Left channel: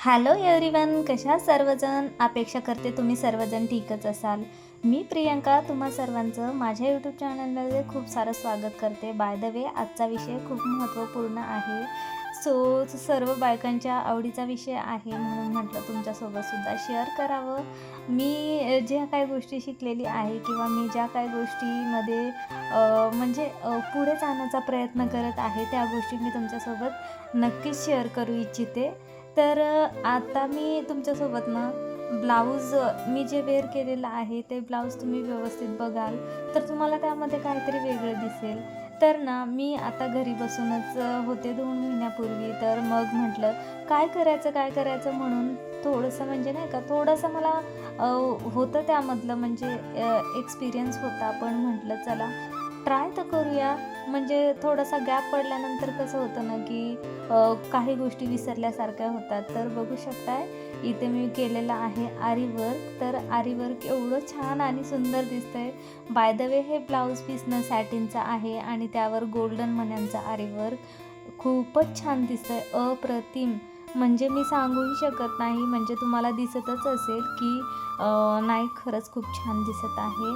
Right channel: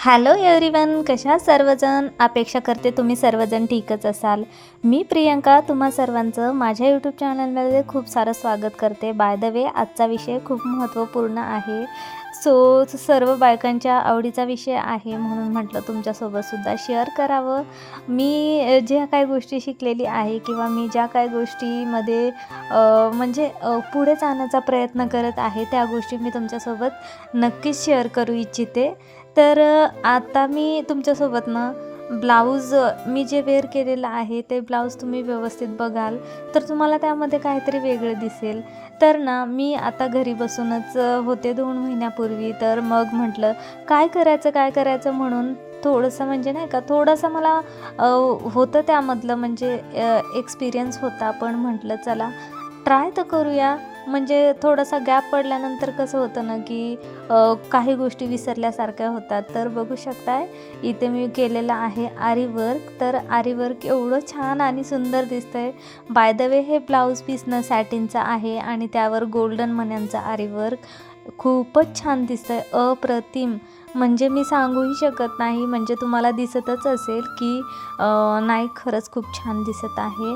Hello everyone, कशा सर्वजण. अपेक्षा करते तुम्ही सर्वजण ठीकच असाल. मी प्रियंका तुम्हा सर्वांचं माझ्या यूट्यूब चॅनलमध्ये खूप सारं स्वागत करते. बाय द वे, आजचा विषय खूप महत्त्वपूर्ण आहे. सर्व बायकांच्या आवडीचा विषय आहे, म्हणून म्हटलं तुमच्यासोबतसुद्धा शेअर करावं. मी ज्या काही गोष्टी शिकलेली आहे किंवा मी ज्या काही गोष्टीमध्ये पुढे जाण्याचा प्रयत्न करत आहे, त्या गोष्टी मी तुमच्यासोबत नक्कीच शेअर करू इच्छिते. तर आता मी तुमच्यासोबत ना ब्लाऊज मी जे वेअर केलेलं आहे ते ब्लाऊज तुम्ही व्यवस्थित बघाल तर तुम्हाला त्यामध्ये काहीतरी वेगळं दिसेल. तर ना मी आता घरी बसूनच होते 2 महिन्यापूर्वी. तर मग म्हटलं काय करायचं म्हणून थोडंसं नाही का, थोडंसं मला होतं त्यामधलं एक्सपिरियन्स होता. पण म्हटलं चला ट्राय तर करूया. थोडासा गॅप पडल्यानंतर कसं होतं ना की काही गोष्टी विसरल्यासारख्या होतात. तर बघू शकताय इथे मी केलेलं आहे आरी वर्क. तर आरी वर्क एवढं छान आणि सुंदर दिसतंय. बाय द वे, हे ब्लाऊज पीस ना सॅटिनचं आहे आणि त्यावर गोल्डन मण्यांचं आरी वर्क खूपच छान दिसतंय, अप्रतिम. मी सांगूही शकत नाही. तुम्हाला दिसतच असेल की नाही, खरंच खूप छान दिसत आहे.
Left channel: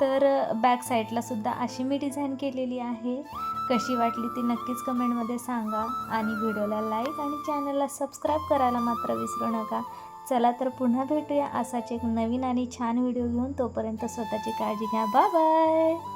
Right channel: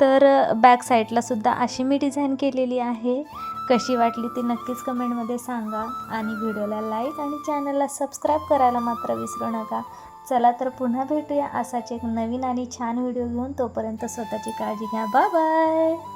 तर बॅक साईडला सुद्धा अशी मी डिझाईन केलेली आहे. कशी वाटली ती नक्कीच कमेंटमध्ये सांगा आणि व्हिडिओला लाईक आणि चॅनलला सबस्क्राईब करायला मात्र विसरू नका. चला तर पुन्हा भेटूया असाच एक नवीन आणि छान व्हिडिओ घेऊन. तोपर्यंत स्वतःची काळजी घ्या. Bye bye.